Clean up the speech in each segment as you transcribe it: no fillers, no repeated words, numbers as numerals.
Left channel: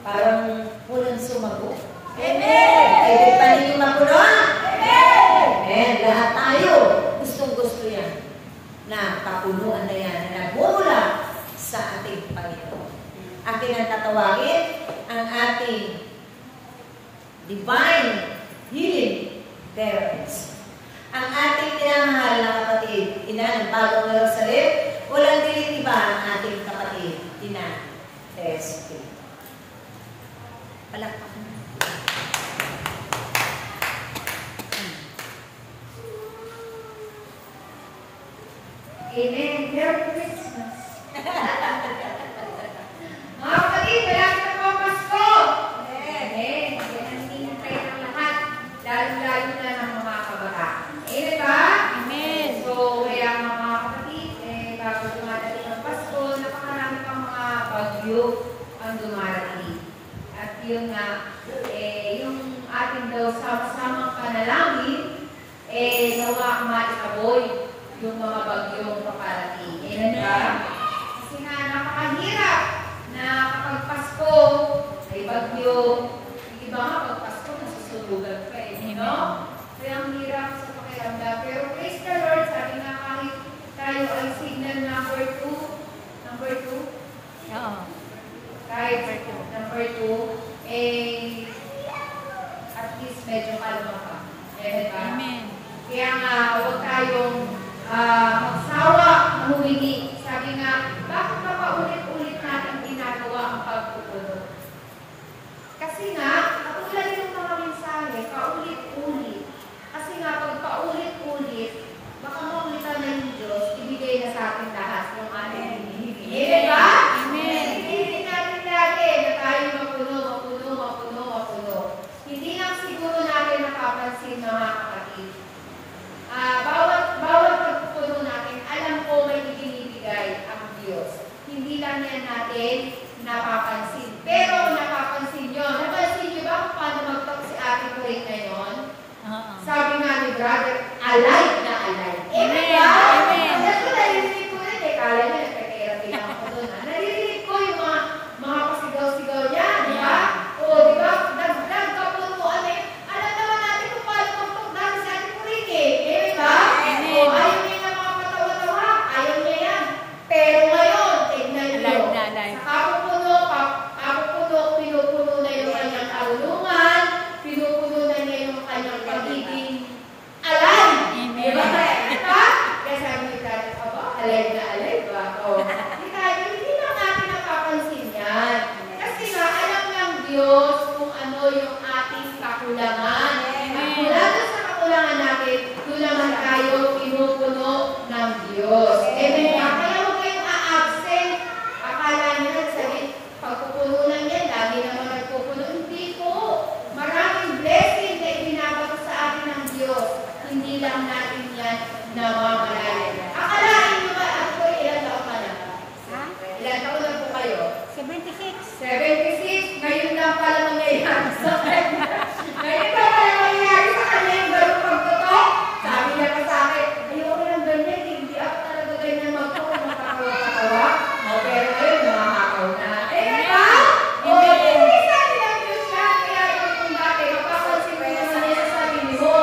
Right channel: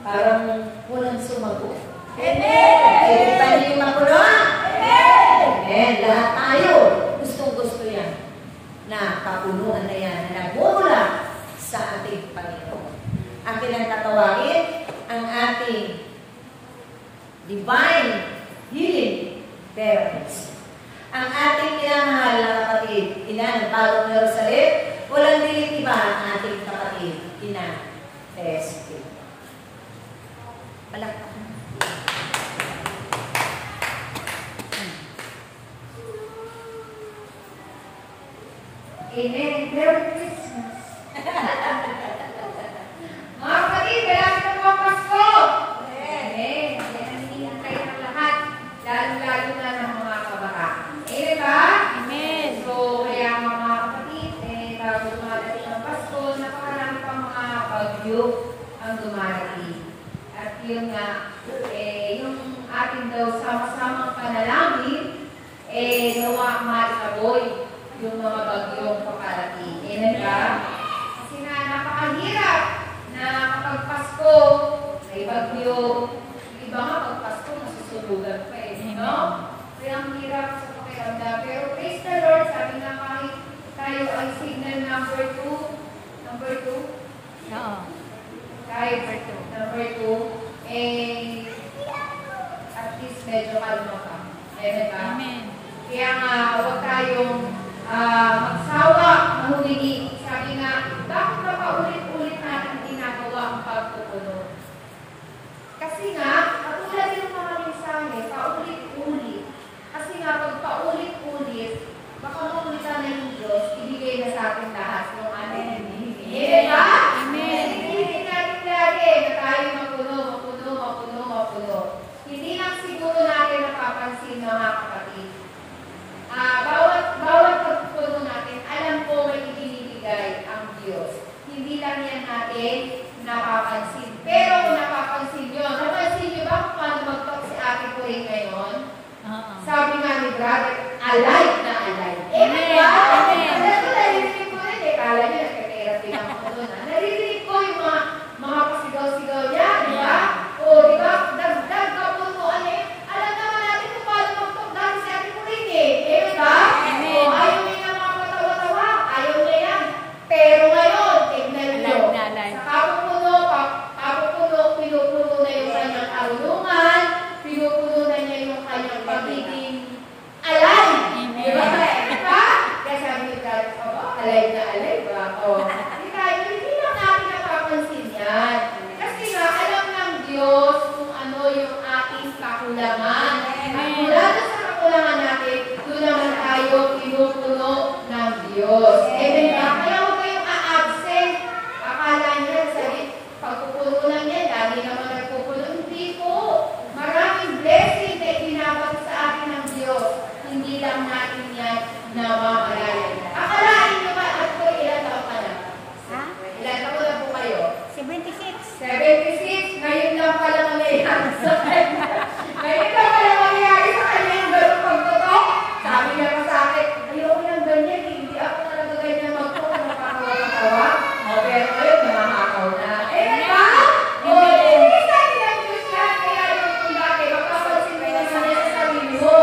Parang walang sumagot. Amen! Pwede pa niyo mapuno? Amen! Amen! Lahat tayo gustong-gusto yan. Na kapunuan na yan na nagmumula sa ating Panginoon. Akin ang tatawagin ang ating divine healing therapist. Ang ating pinamahal na kapatid, ina ng bagong Jerusalem, walang dilit iba ang ating kapatid, ina Testy. Palakpakan. Amen. Merry Christmas. Mga kapatid, malapit na po ang Pasko. Amen. Yan ang hinintay ng lahat. Lalo-lalo na ng mga kabataan. Amen ba? Amen. So, kaya mga kapatid, bago dumarating ang Pasko, napakarami pang mga bagyo ang dumarating. At yun nga, yung ating daw sama-samang panalangin, nawa maitaboy yung mga bagyong paparating. Amen ba? Kasi nga, napakahirap na kapag Pasko, may bagyo. Yung iba nga, pag Pasko, nasusubugan pa no? Kaya ang hirap sa pakiramdam. Pero praise the Lord, sabi nga kahit tayo ay signal number 2. Number 2? Oo. Kahit number 2, at least medyo kalma ka. Amen ba? Amen. Kaya nga, huwag tayong magsawa, mahumingi. Sabi nga, bakit pa paulit-ulit natin ginagawa ang pagpupuno? Kasi nga, katulad yung mga mensahe, paulit-ulit. Kasi nga, pag paulit-ulit, baka makulitan na yung Diyos, ibigay na sa atin lahat ng ating hinihingi. Amen ba? Amen. Hinihingi natin lagi na tayo mapuno. Hindi lang siguro natin napapansin mga kapatid. Bawat pagpupuno natin, alam ko may ibinibigay ang Diyos. Hindi lang yan natin napapansin. Pero kung napapansin nyo, napansin nyo ba kung paano mag-talk si Ate ko rin ngayon? Sabi nga ni brother, alive na alive. Amen. Amen. Alam ko, naririnig ko rin eh. Kala niya, nagpe-therapy lang ako doon. Naririnig ko yung mga pasigaw-sigaw niya, di ba? O, di ba? Dagdag kapunuan eh. Alam naman natin kung paano mag-talk dahil si Ate ko rin eh. Di ba? Amen. O, ayaw niya na mga patawa-tawa. Ayaw niya yan. Pero ngayon, tignan niyo. Alive na alive. Sa kapupuno, pinupuno na yung kanyang karunungan, pinupuno na niya yung kanyang pagiging alive. Amen. Diba? Diba? Kaya sabi ni Dad, alive na alive ba? O, hindi lang natin napapansin yan. Kasi nga, alam ng Diyos kung ano yung ating kakulangan. Amen. Mula doon sa kakulangan natin, doon naman tayo pinupuno ng Diyos. Amen ba? Kaya huwag kayong a-absent. Akala nyo, sabi, pagpupuno lang yan, lagi naman nagpupuno. Hindi po. Maraming blessing na ibinabato sa atin ng Diyos. Hindi lang natin yan namamalayan. Akalain nyo ba, at po, ilan taon pa na? Ha? Ilan taon na po kayo? 76. 76. Ngayon lang pala nangyayari sa kanya. Ngayon lang pala nangyayari sa kanya yung ganong pagtutok. Sabi niya pa sa akin, ayoko yung ganyan, hindi ako talaga ganyan magtutok, nakakawa-katawa. Pero ngayon, namahakaw na. Amen ba? Amen. Hindi sa akin ang Diyos yan. Kaya kung dati, mapapansin mo naman yan sa sarili mo.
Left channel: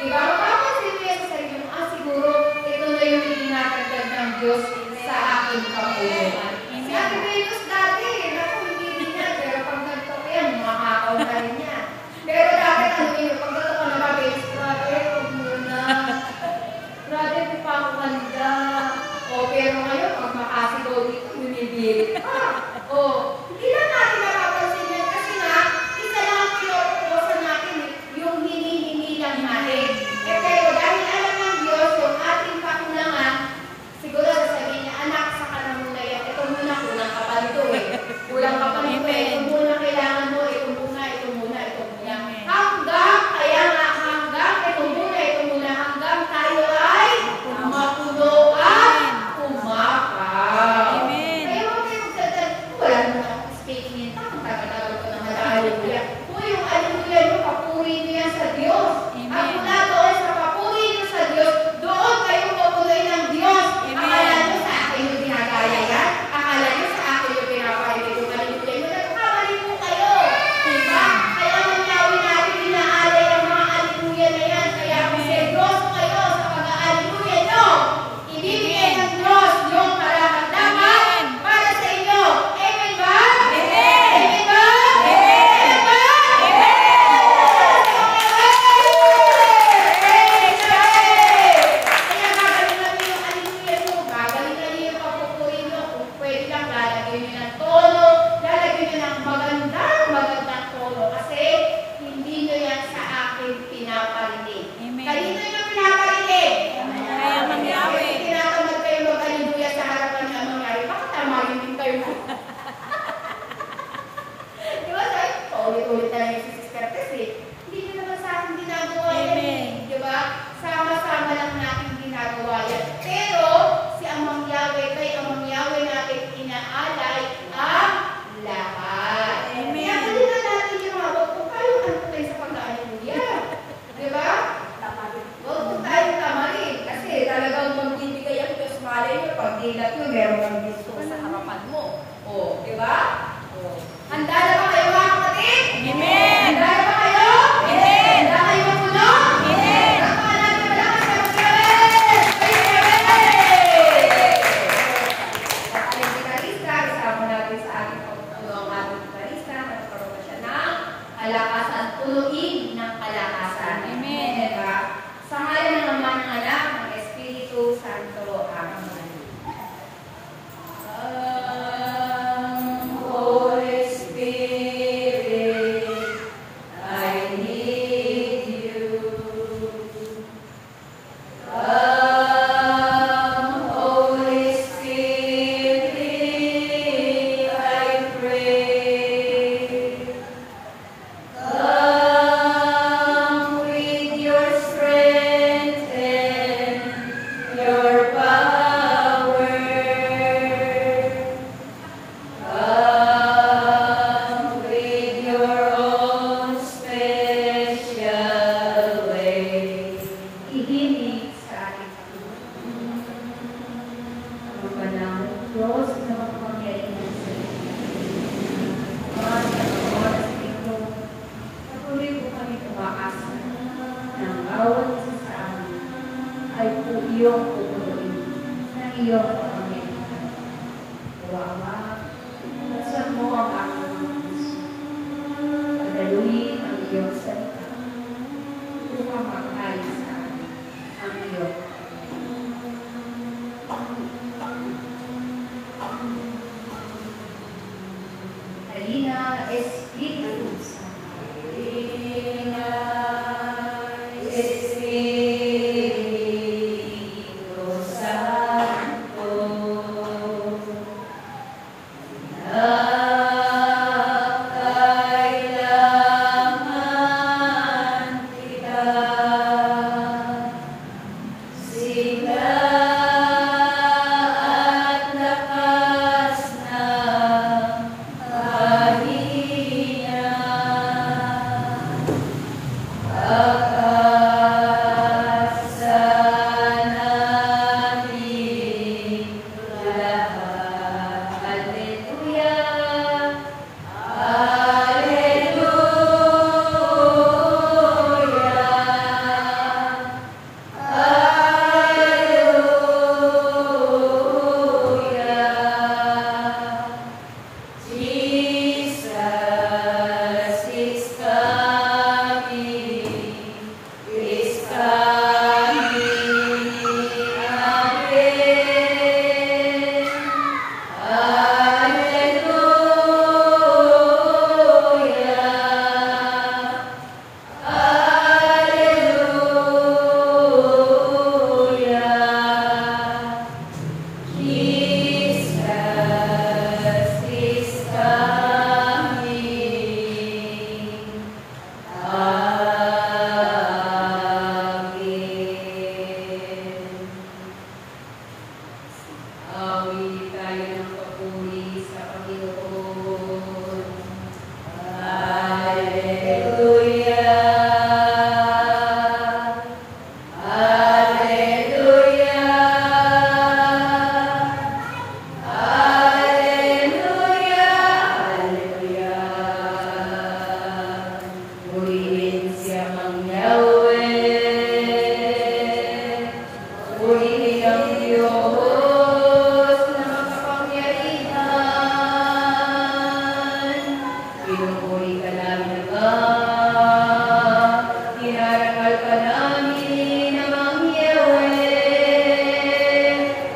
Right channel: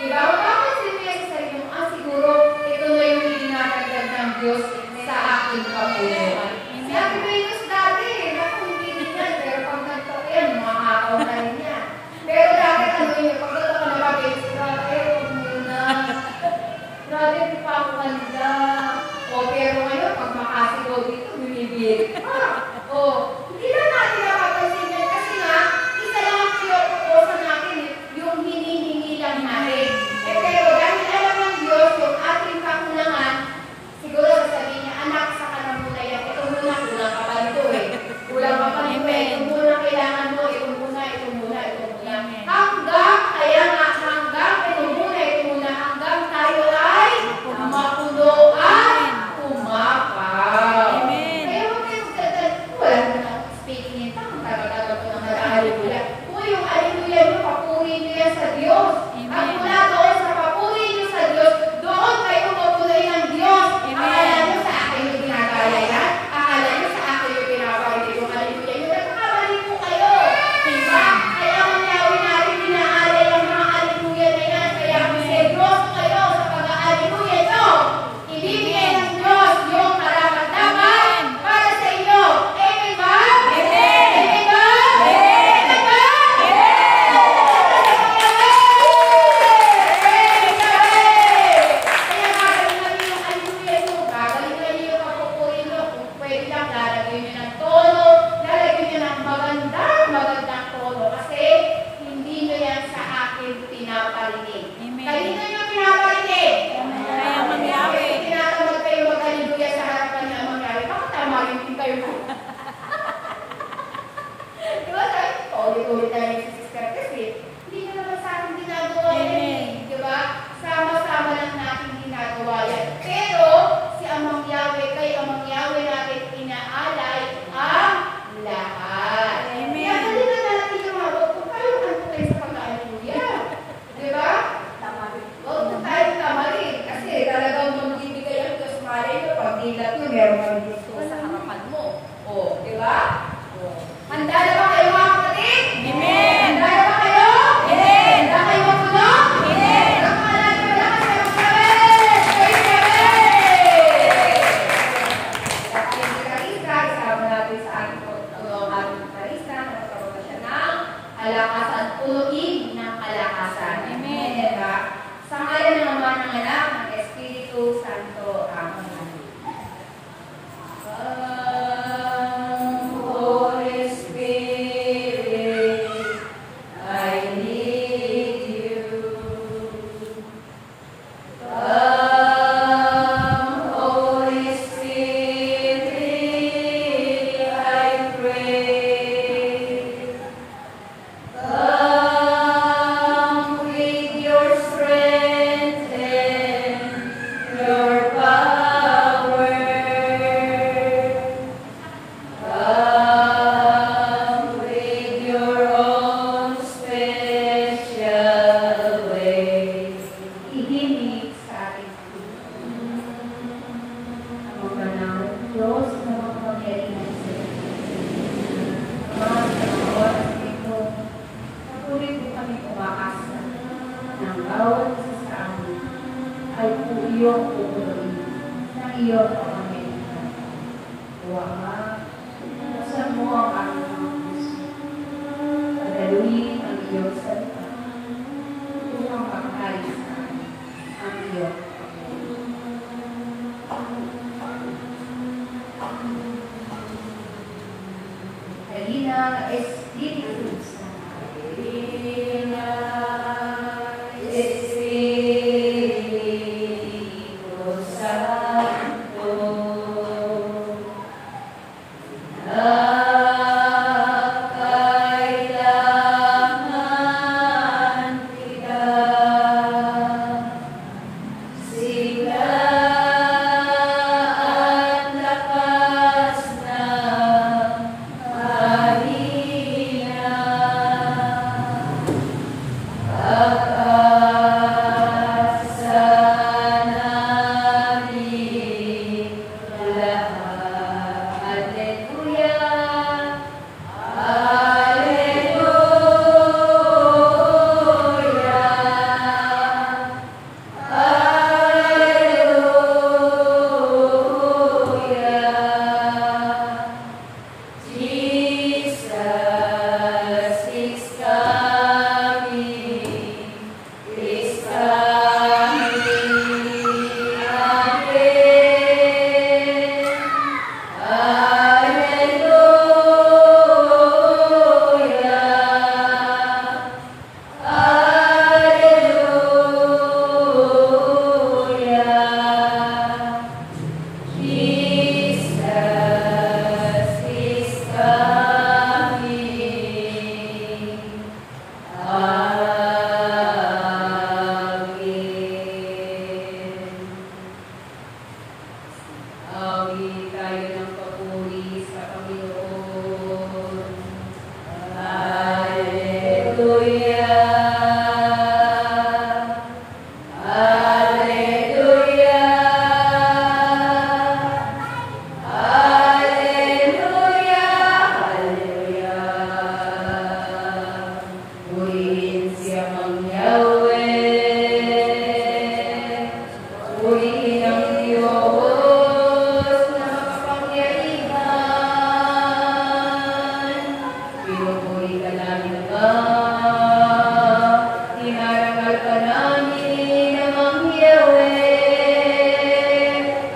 Diba? Mapapansin mo yan sa sarili mo. Siguro, ito na yung dinadagdag ng Diyos sa aking kapunuan. Sabi ko yung dati, naku, hindi yan. Pero pag nagtako yan, makakaw na rin yan. Handa na ba kayo mga kapatid? Amen. Handa na ba kayo? Amen. Handa kayo makulong? Amen. Ang mga natin na lang sa magsalit! At ating gitarista, isama natin sa ating pagtulong ang ating gitarista na magkaroon na siya ng kalakasan, punuin ng kalakasan. Amen. Diba? Sa ngalan naman ng anak ng Espiritu Santo. Amen. Holy Spirit, I need you. Holy Spirit, I pray. Come with your strength and your power. Come with your own special way. Ihinig sa ating ang panahon Diyos na makapangyarihan sa iyo. Ang mga oras ito, patuloy po kami umaasa ng bawat isa sa amin ay po iyong pupunuin ng iyong kapangyarihan. O Ama, buksan mo ang aking mga puso. Padaluin ang iyong salita upang magkain sa amin ang iyong Halina, Espiritu Santo. Halina, Espiritu Santo. Kailangan kita. Sigla at lakas na kahina. Pagkasa namin lahat. Alleluia. Jesus is coming again. Alleluia. Alleluia. Jesus is coming again. Awi tayo ng papuri sa Panginoon. Alleluia. Alleluia. Alleluia. Alleluia. Purihin siya mang Yahweh. Purihin ang Diyos na makapangyarihan. Pinupuri ka namin, Ama. Pinarangal ka namin, Amang Yahweh.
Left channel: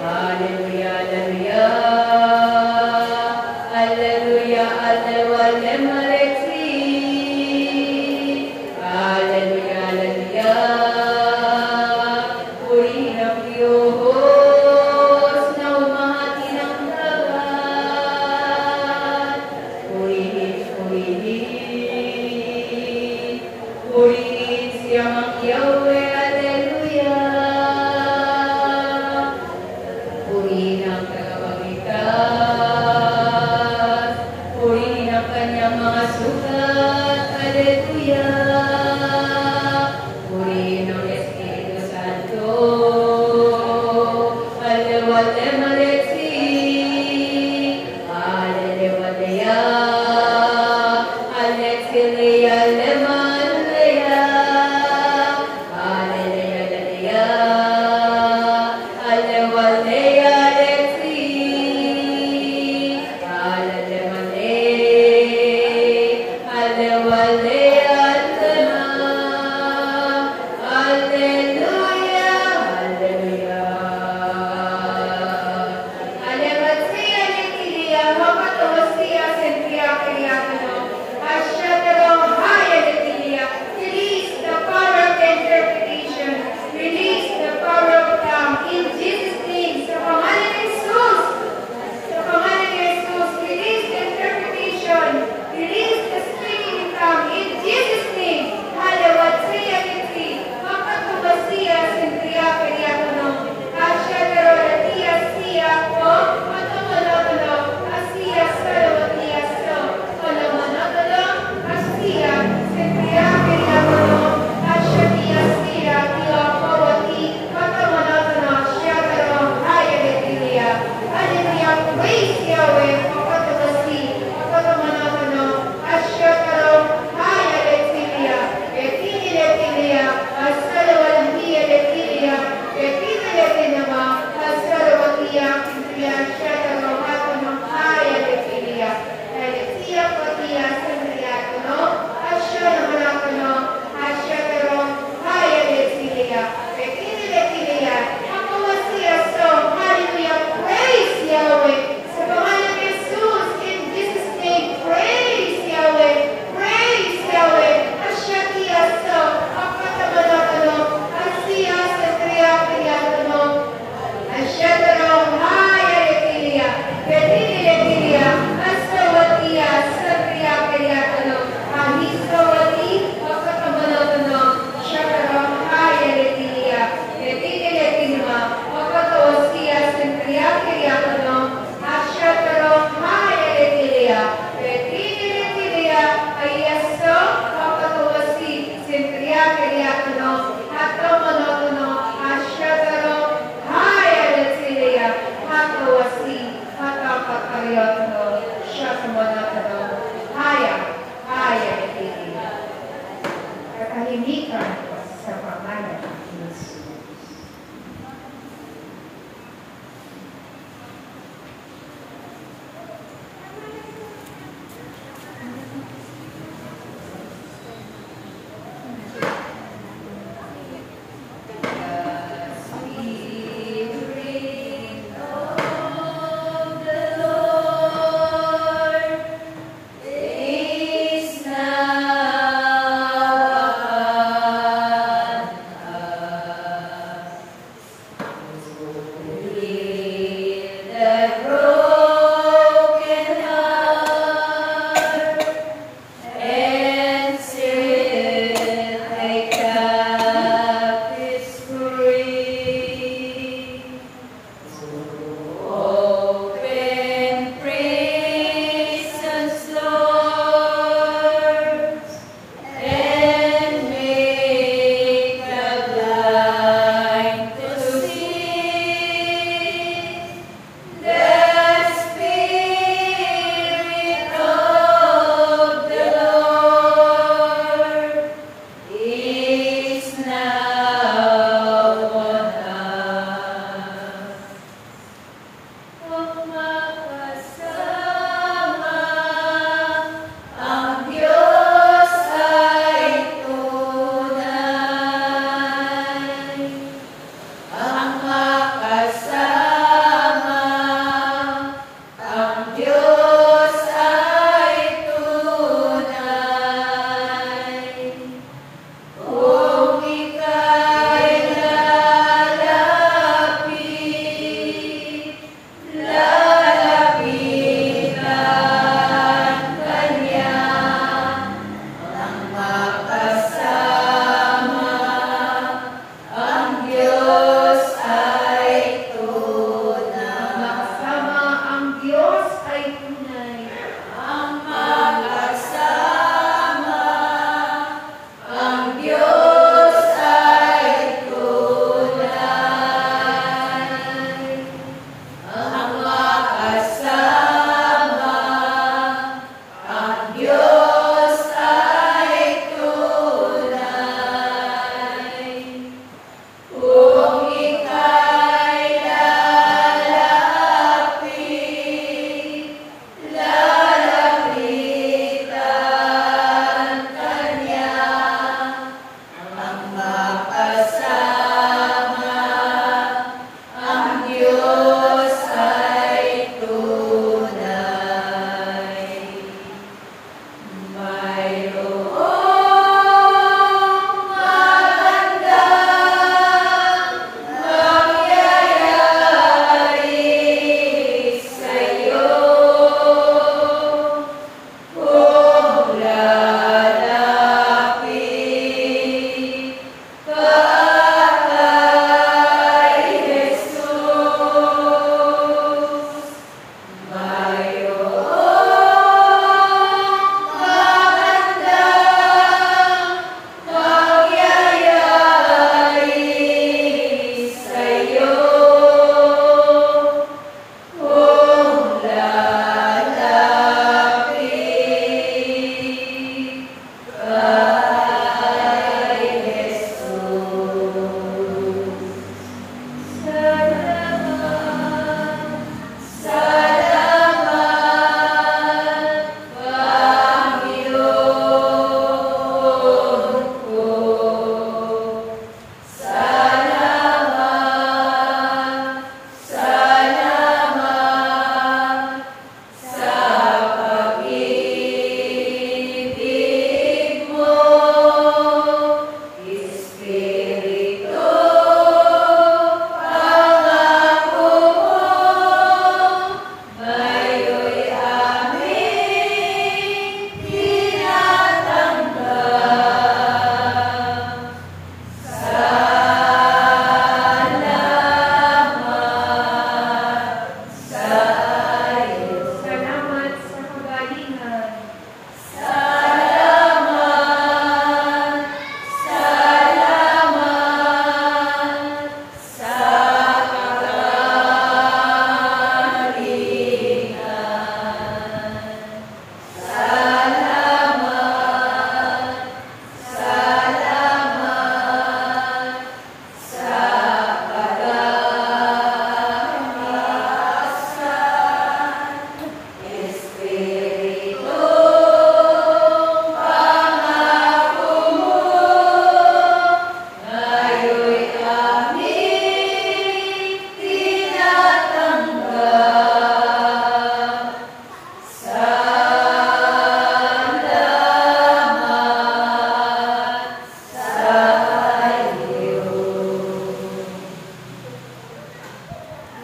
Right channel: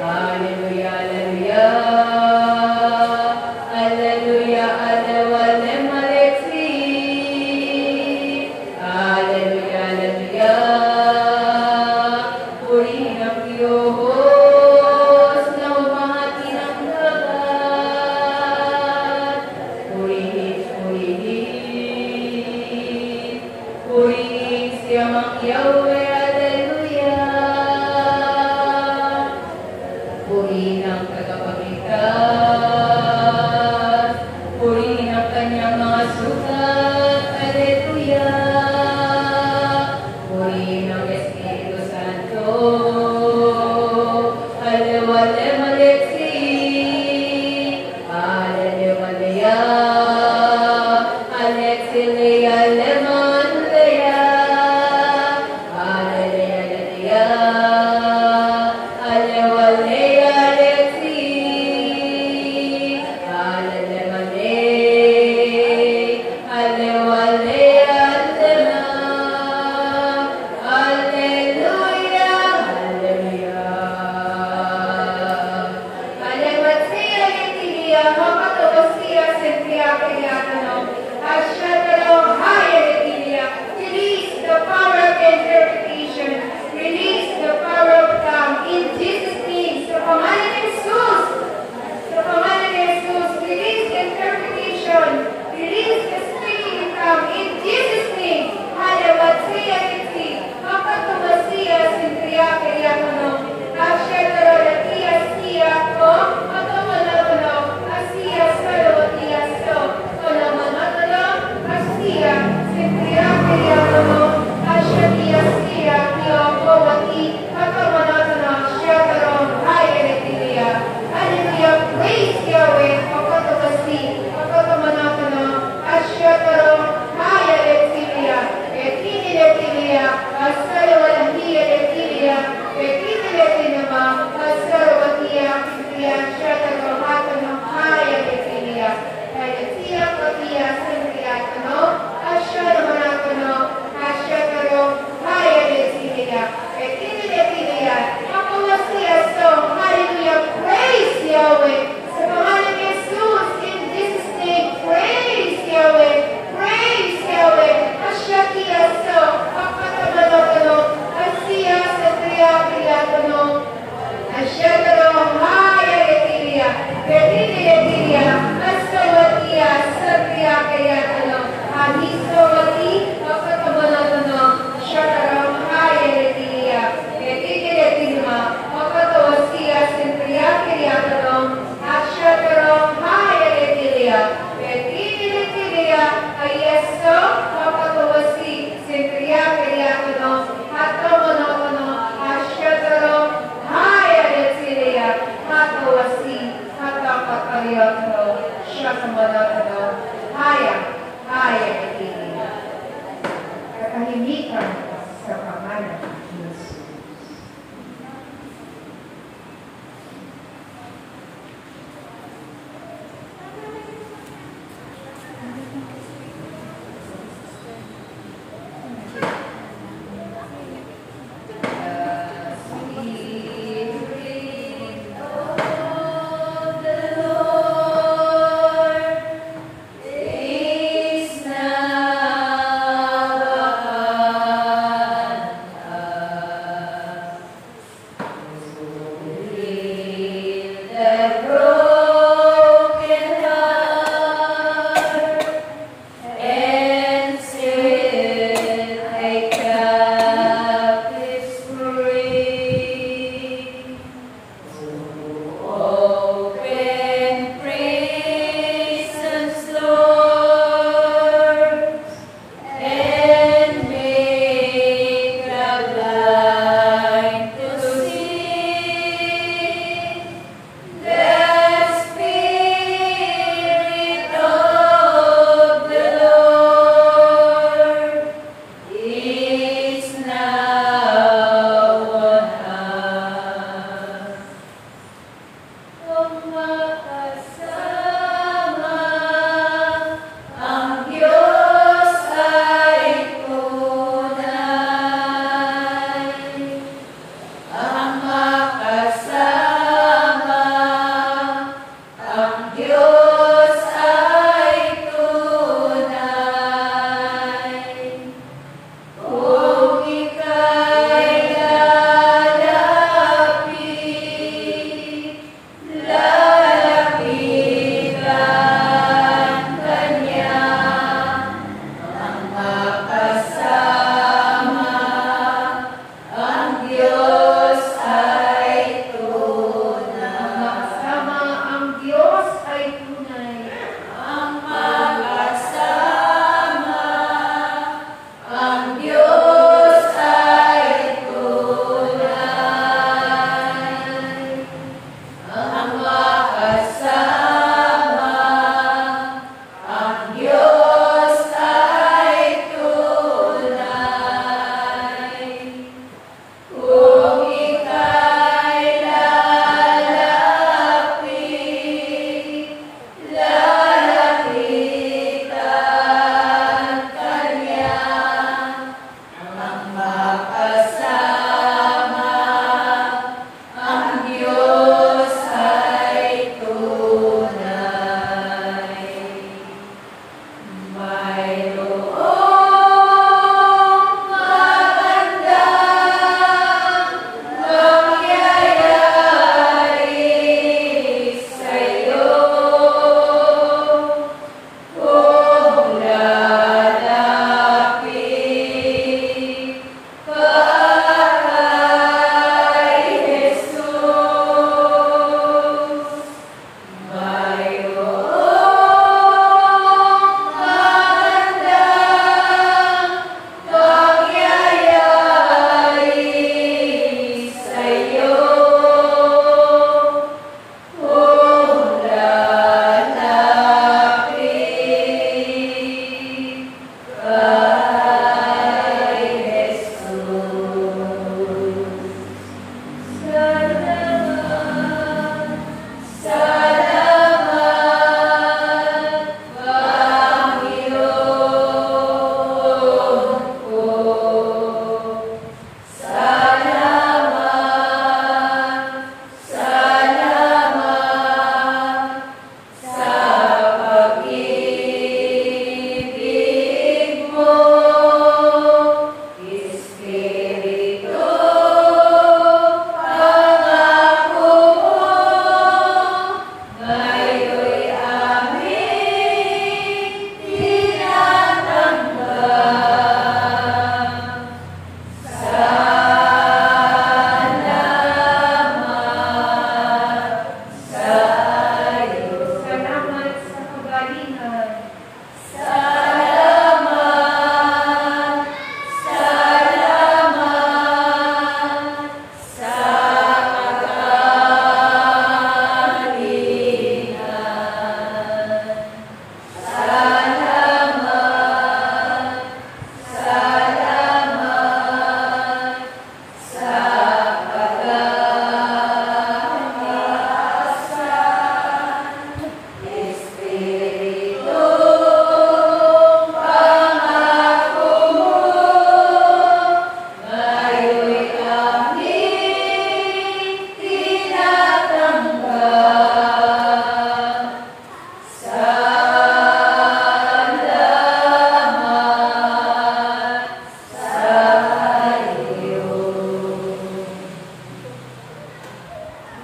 Alleluia, alleluia. Alleluia, alleluia, Alexi. Alleluia, alleluia. Purihin ang Diyos na umahati ng dagat. Purihin, purihin. Purihin siya mang Yahweh. Alleluia. Purihin ang tagapagligtas. Purihin ang kanyang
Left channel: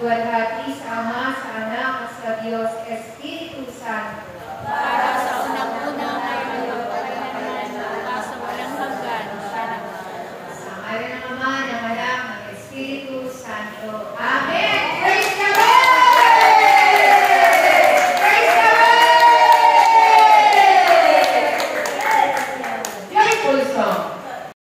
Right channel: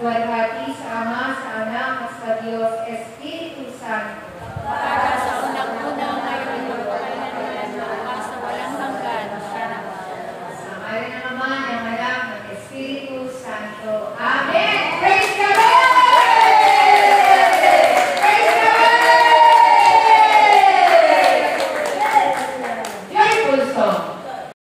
Luwalhati sa Ama, sa Anak, at sa Diyos, Espiritu Santo. Para sa unang-una ngayon magpakailanman, bukas sa walang hanggan, siya naman. Sa ngalan ng Ama, ng